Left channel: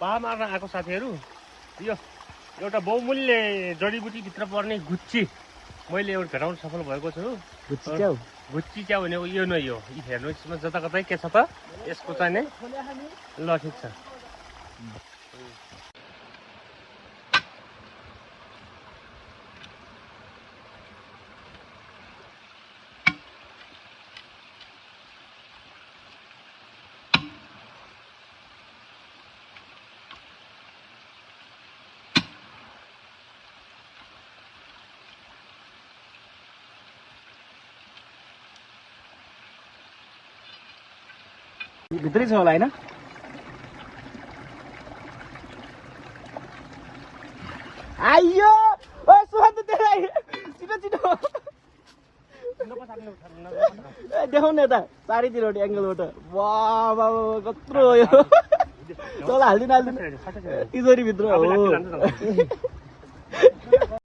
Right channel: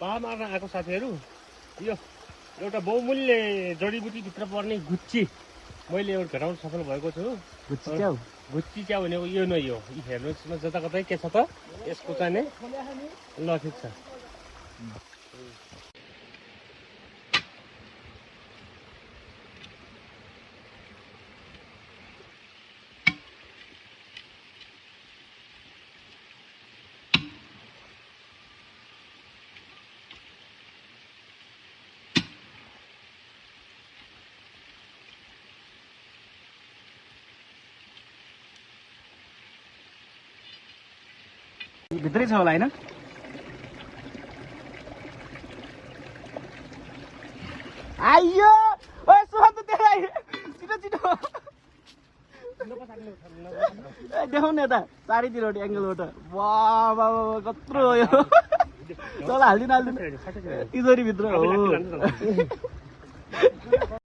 पा मार्न आएको साथीहरू यो एउटा बहुमूल्य जडीबुटी भित्र पर्ने गुच्ची मैले एउटा भेटाउन सफल भएको छु। गुच्ची क्या भनेको यो नै हो। हेर्नुहोस् यसमा जताकतै के छ त यसको चाहिँ नै ल ठिक छ। भित्री छ होला हैन? आइयो ओए सुहान त तेरा छिटो छिटो देखाउन त चारैतिरबाट एंगलबाट। वाह वाह कत्रो हो यो। चल हाल्दिन तिजोरी भित्र हो।